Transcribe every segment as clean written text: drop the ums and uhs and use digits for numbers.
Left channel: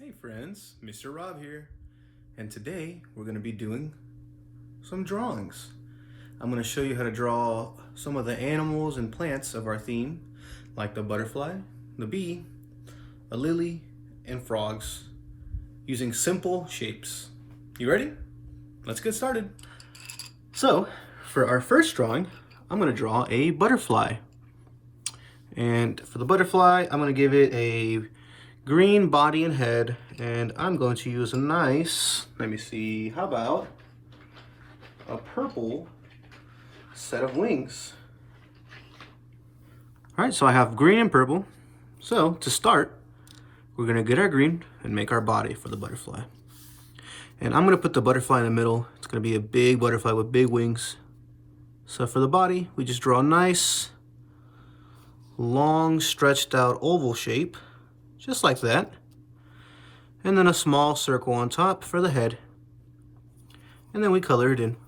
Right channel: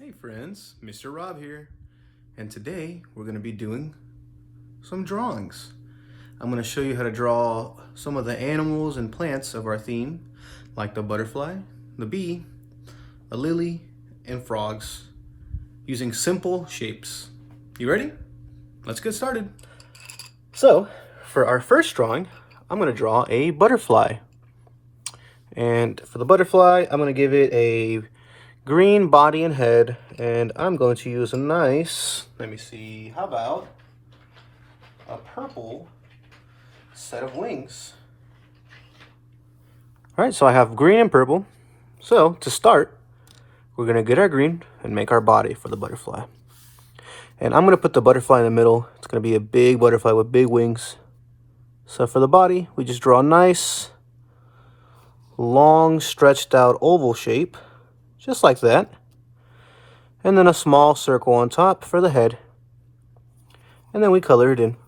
Hey friends, Mr. Rob here, and today we're going to be doing some drawings. I'm going to show you how to draw some of the animals and plants of our theme, like the butterfly, the bee, a lily, and frogs, using simple shapes. You ready? Let's get started. So, for our first drawing, I'm going to draw a butterfly. And for the butterfly, I'm going to give it a green body and head, and I'm going to use a nice, let me see, how about a purple set of wings. All right, so I have green and purple. So to start, we're gonna get our green and make our body for the butterfly. And I'm gonna put the butterfly in the middle. It's gonna be a big butterfly with big wings. So for the body, we just draw a nice, long, stretched out oval shape, just like that. And then a small circle on top for the head. And then we color it in.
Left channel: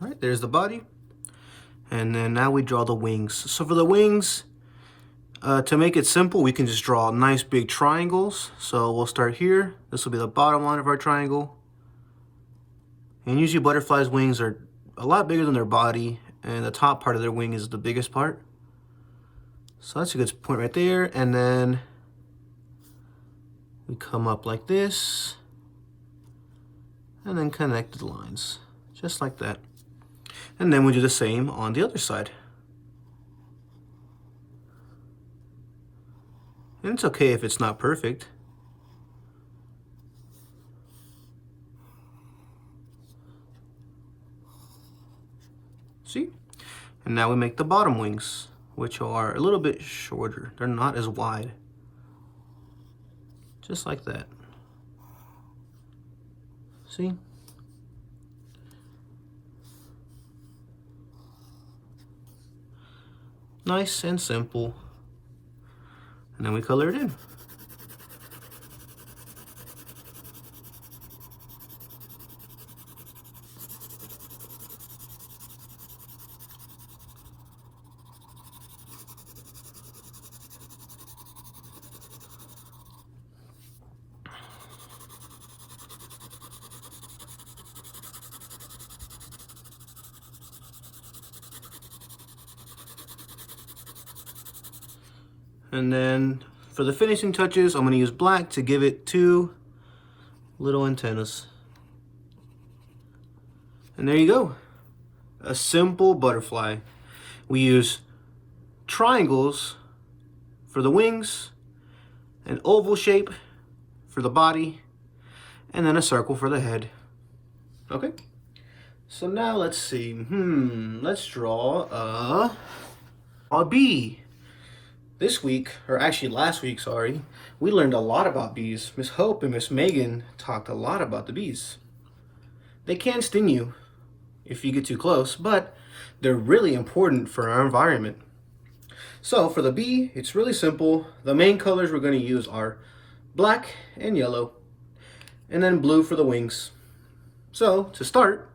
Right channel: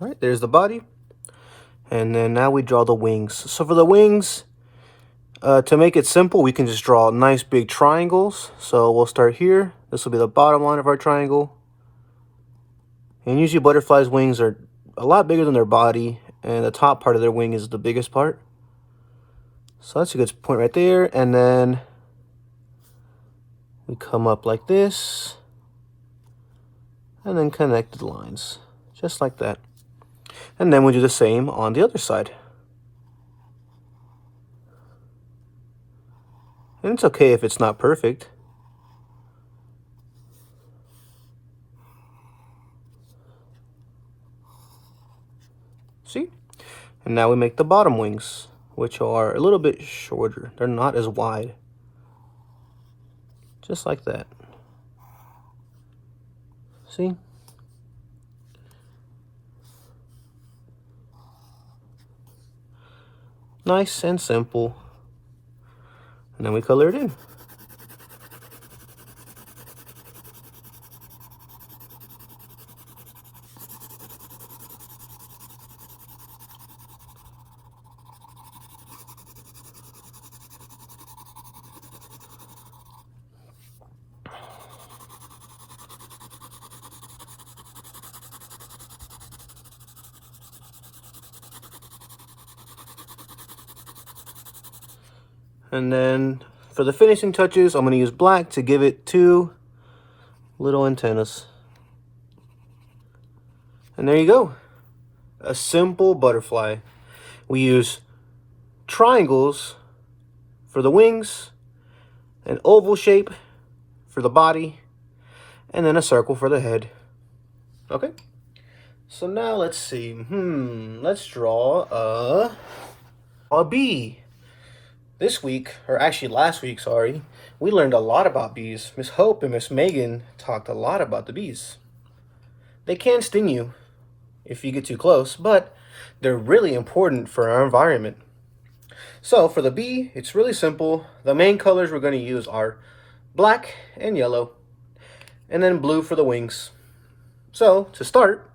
All right, there's the body. And then now we draw the wings. So for the wings, to make it simple, we can just draw nice big triangles. So we'll start here. This will be the bottom line of our triangle. And usually butterflies' wings are a lot bigger than their body, and the top part of their wing is the biggest part. So that's a good point right there. And then we come up like this, and then connect the lines, just like that. And then we do the same on the other side. And it's okay if it's not perfect. See? And now we make the bottom wings, which are a little bit shorter. They're not as wide. Just like that. See? Nice and simple. And then we color it in. And then for the finishing touches, I'm going to use black to give it 2 little antennas. And there you go. A simple butterfly. We use triangles for the wings, an oval shape for the body, and then a circle for the head. Okay? So now let's see. Let's draw a bee. This week, or actually last week, sorry, we learned a lot about bees. Miss Hope and Miss Megan talked a lot about the bees. They can sting you if you get too close, but they're really important for our environment. So for the bee, it's really simple. The main colors we're going to use are black and yellow, and then blue for the wings. So to start,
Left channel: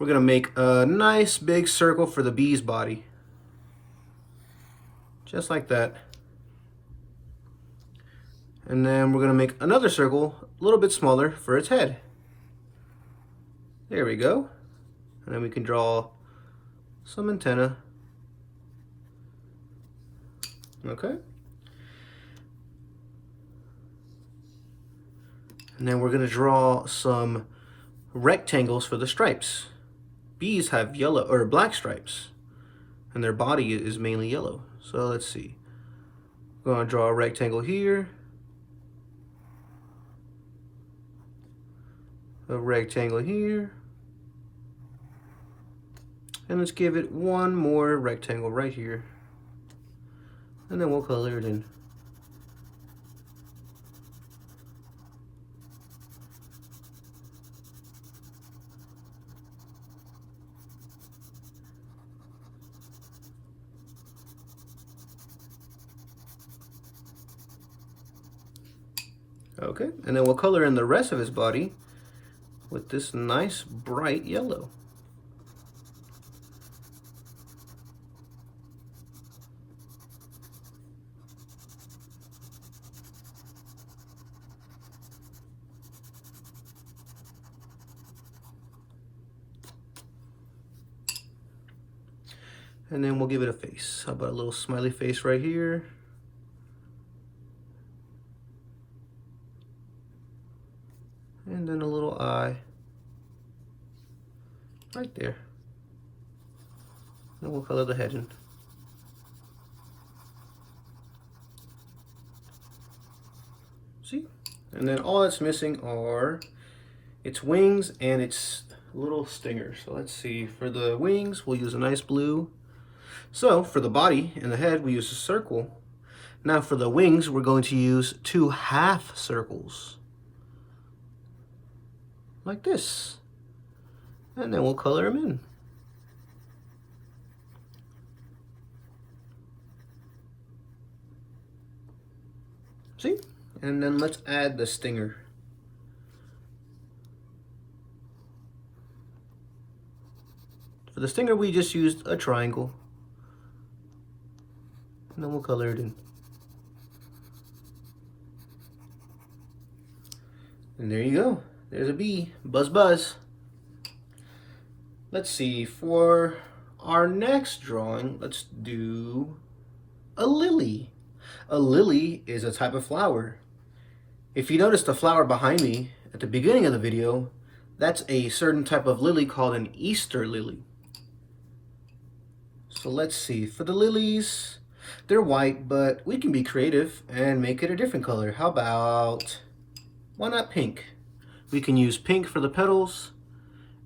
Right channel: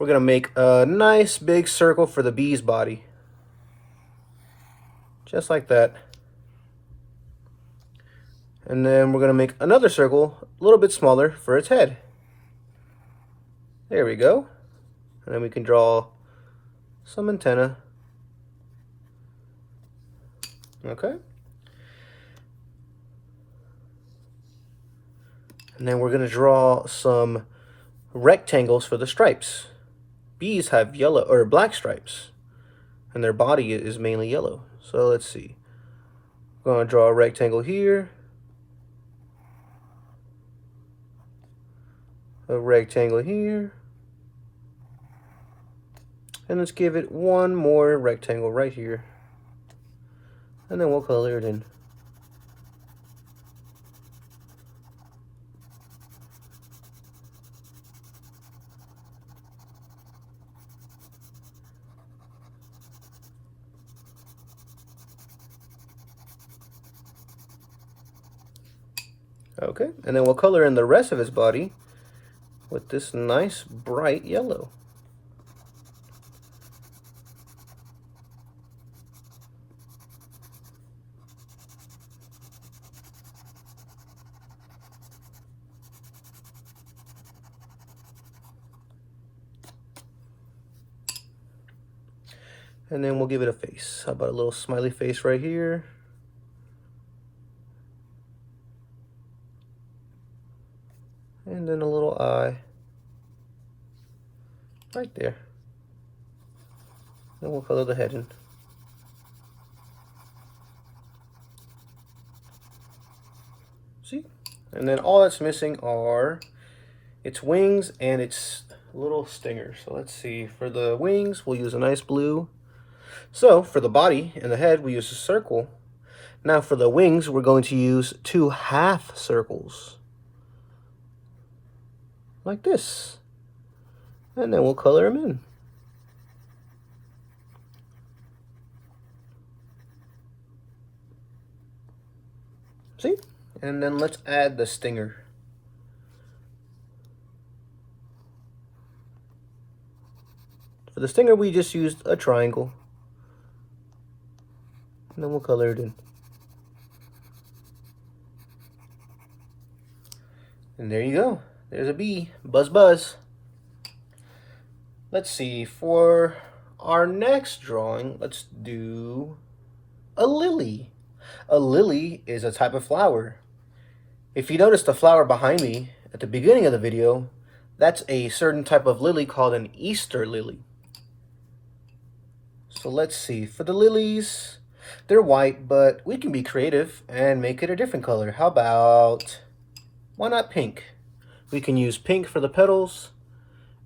we're going to make a nice big circle for the bee's body. Just like that. And then we're going to make another circle a little bit smaller for its head. There we go. And then we can draw some antenna. Okay. And then we're going to draw some rectangles for the stripes. Bees have yellow or black stripes, and their body is mainly yellow. So let's see. I'm going to draw a rectangle here, a rectangle here, and let's give it one more rectangle right here, and then we'll color it in. Okay, and then we'll color in the rest of his body with this nice bright yellow. And then we'll give it a face. How about a little smiley face right here? And then a little eye right there. Then we'll color the head in. See? And then all that's missing are its wings and its little stinger. So let's see. For the wings, we'll use a nice blue. So for the body and the head, we use a circle. Now for the wings, we're going to use 2 half circles. Like this. And then we'll color them in. See? And then let's add the stinger. For the stinger, we just used a triangle. And then we'll color it in. And there you go. There's a bee. Buzz, buzz. Let's see. For our next drawing, let's do a lily. A lily is a type of flower. If you notice the flower behind me at the beginning of the video, that's a certain type of lily called an Easter lily. So let's see. For the lilies, they're white, but we can be creative and make it a different color. How about, why not pink? We can use pink for the petals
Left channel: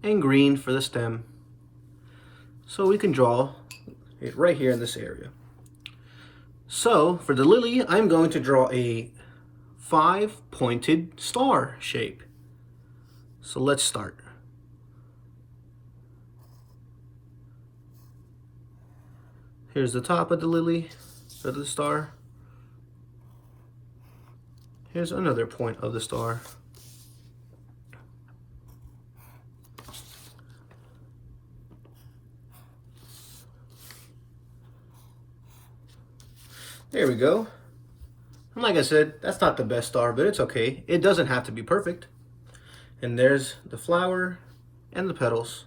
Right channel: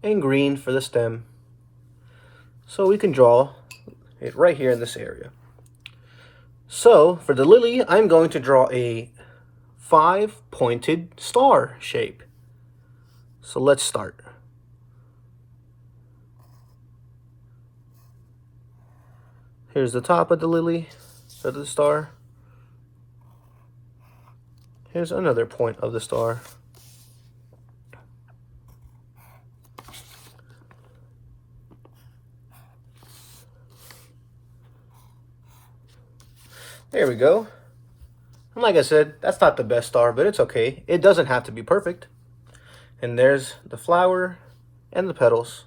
and green for the stem. So we can draw it right here in this area. So for the lily, I'm going to draw a 5-pointed star shape. So let's start. Here's the top of the lily, of the star. Here's another point of the star. There we go. And like I said, that's not the best star, but it's okay. It doesn't have to be perfect. And there's the flower and the petals.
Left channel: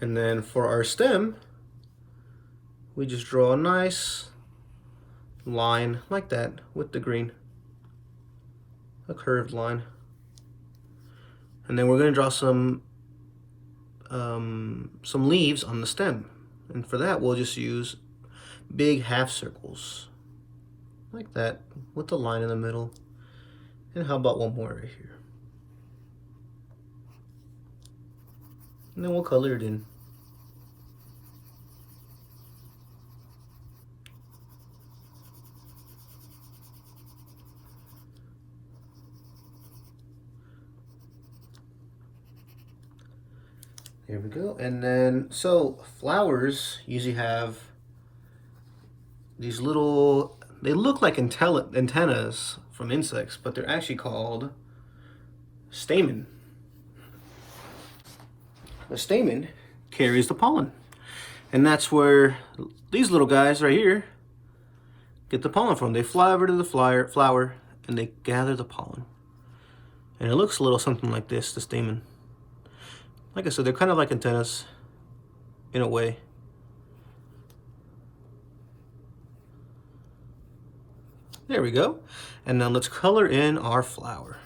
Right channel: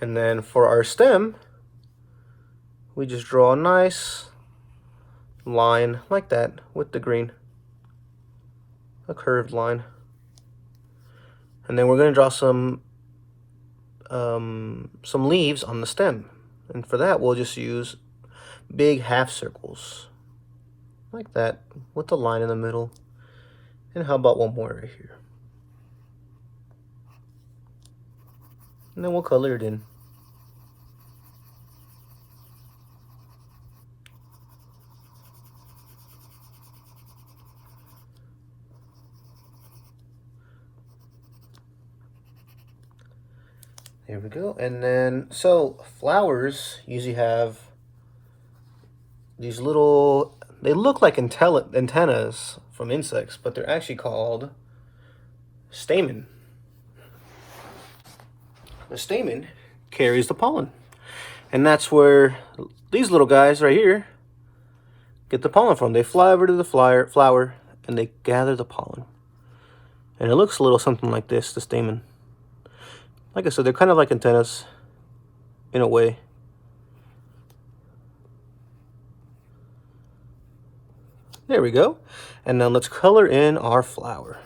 And then for our stem, we just draw a nice line like that with the green. A curved line. And then we're going to draw some leaves on the stem. And for that, we'll just use big half circles like that with the line in the middle. And how about one more right here? And then we'll color it in. There we go. And then, so flowers usually have these little, they look like antennas from insects, but they're actually called stamen. The stamen carries the pollen. And that's where these little guys right here get the pollen from. They fly over to the flower and they gather the pollen. And it looks a little something like this, the stamen. Like I said, they're kind of like antennas in a way. There we go. And now let's color in our flower.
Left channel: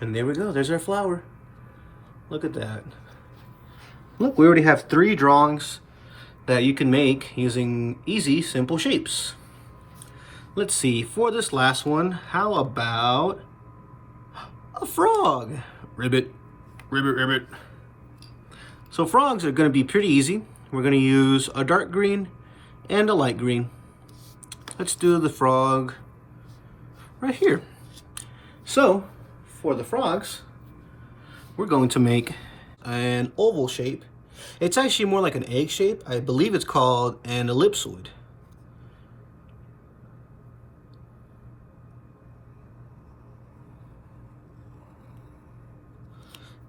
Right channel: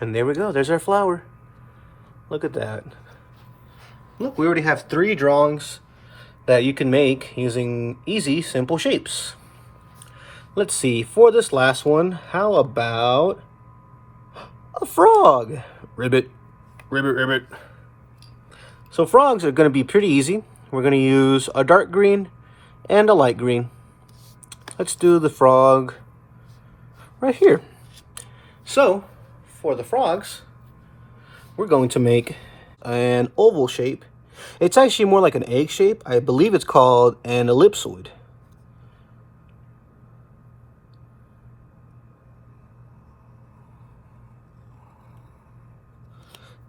And there we go, there's our flower. Look at that. Look, we already have 3 drawings that you can make using easy, simple shapes. Let's see, for this last one, how about a frog? Ribbit, ribbit, ribbit. So frogs are gonna be pretty easy. We're gonna use a dark green and a light green. Let's do the frog right here. So, for the frogs, we're going to make an oval shape. It's actually more like an egg shape. I believe it's called an ellipsoid.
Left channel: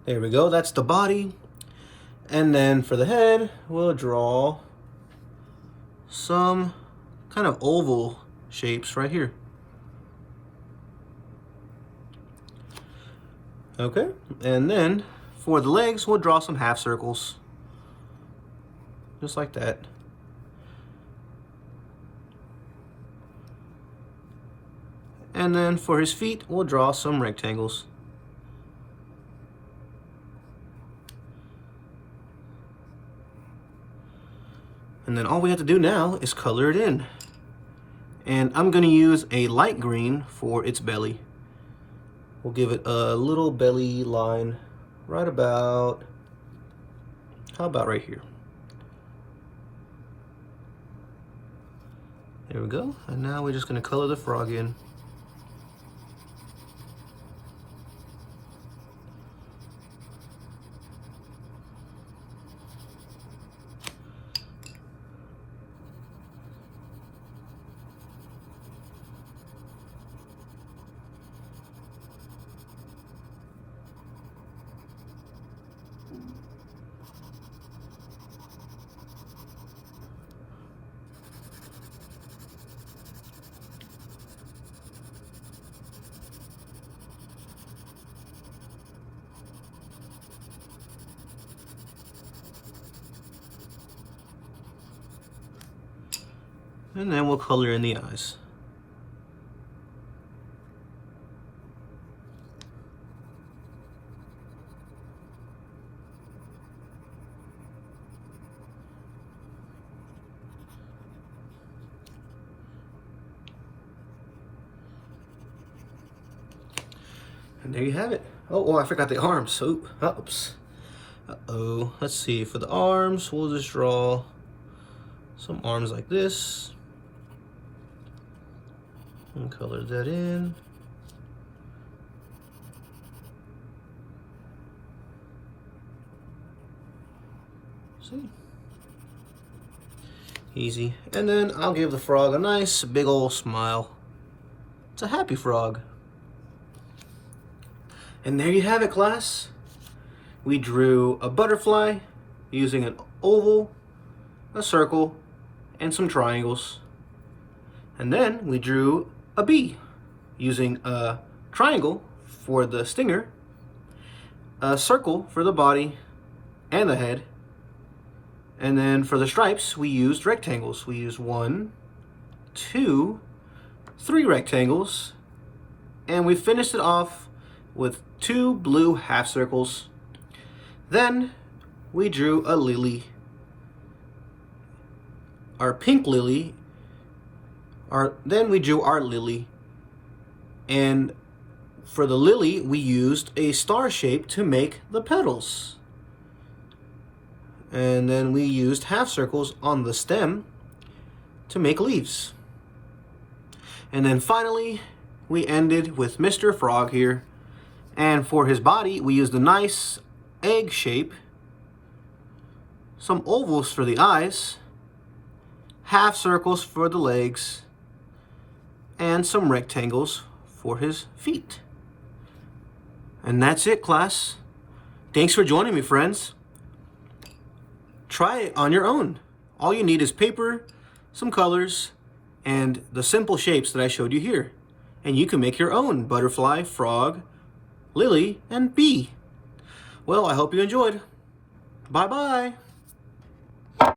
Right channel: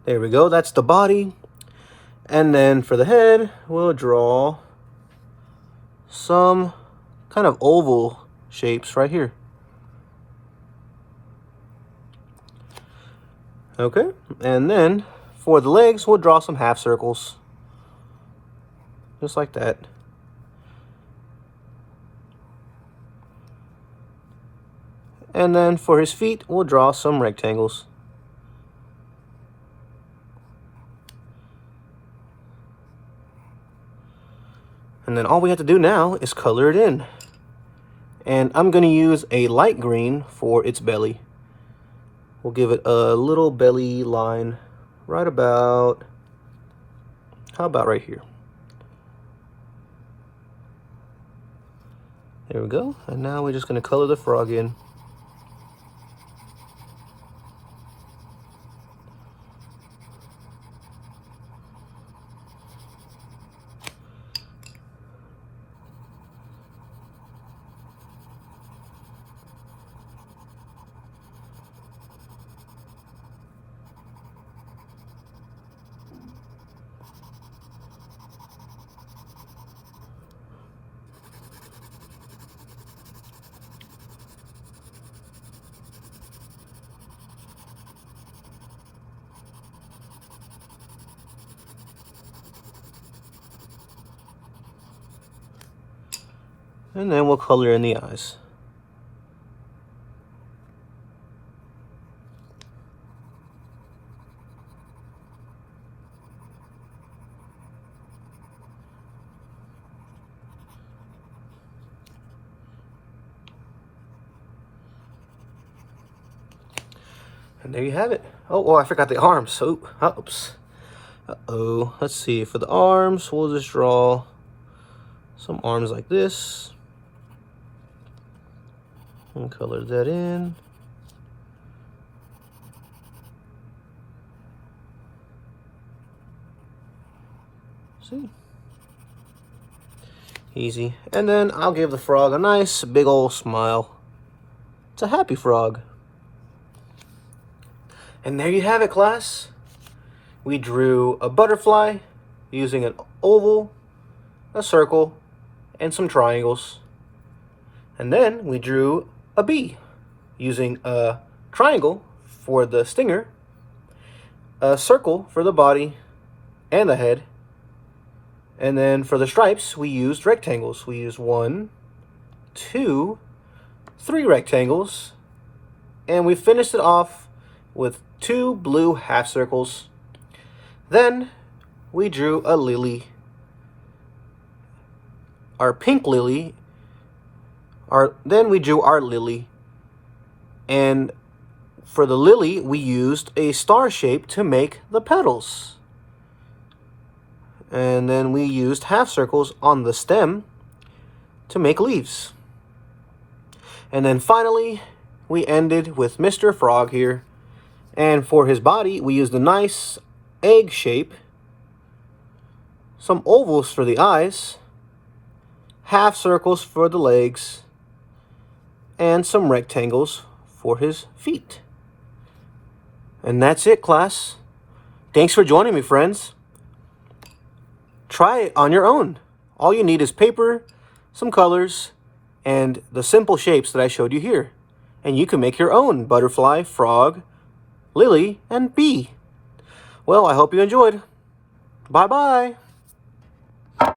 There we go, that's the body. And then for the head, we'll draw some kind of oval shapes right here. Okay, and then for the legs, we'll draw some half circles. Just like that. And then for his feet, we'll draw some rectangles. And then all we have to do now is color it in. And I'm going to use a light green for its belly. We'll give it a little belly line right about, how about right here? There we go. And now we're just going to color the frog in. And then we'll color in the eyes. And there you have it. Oh, I forgot the arms. Oops. Uh-oh. Let's see. For the arms, we'll just draw some arms like this. And color that in. See? Easy. And then I'll give the frog a nice big old smile. It's a happy frog. And there you have it, class. We drew a butterfly using an oval, a circle, and some triangles. And then we drew a bee using a triangle for the stinger, a circle for the body and the head, and then for the stripes we used rectangles. We used 1, 2, 3 rectangles, and we finished it off with 2 blue half circles. Then we drew a lily, our pink lily. Then we drew our lily, and for the lily we used a star shape to make the petals, and then we used half circles on the stem to make leaves. And then finally we ended with Mr. Frog here, and for his body we used a nice egg shape, some ovals for the eyes, half circles for the legs, and some rectangles for his feet. And that's it, class. Thanks for joining me, friends. Try it on your own. All you need is paper, some colors, and the simple shapes that I showed you here. And you can make your own butterfly, frog, lily, and bee. Well, I hope you enjoyed. Bye-bye.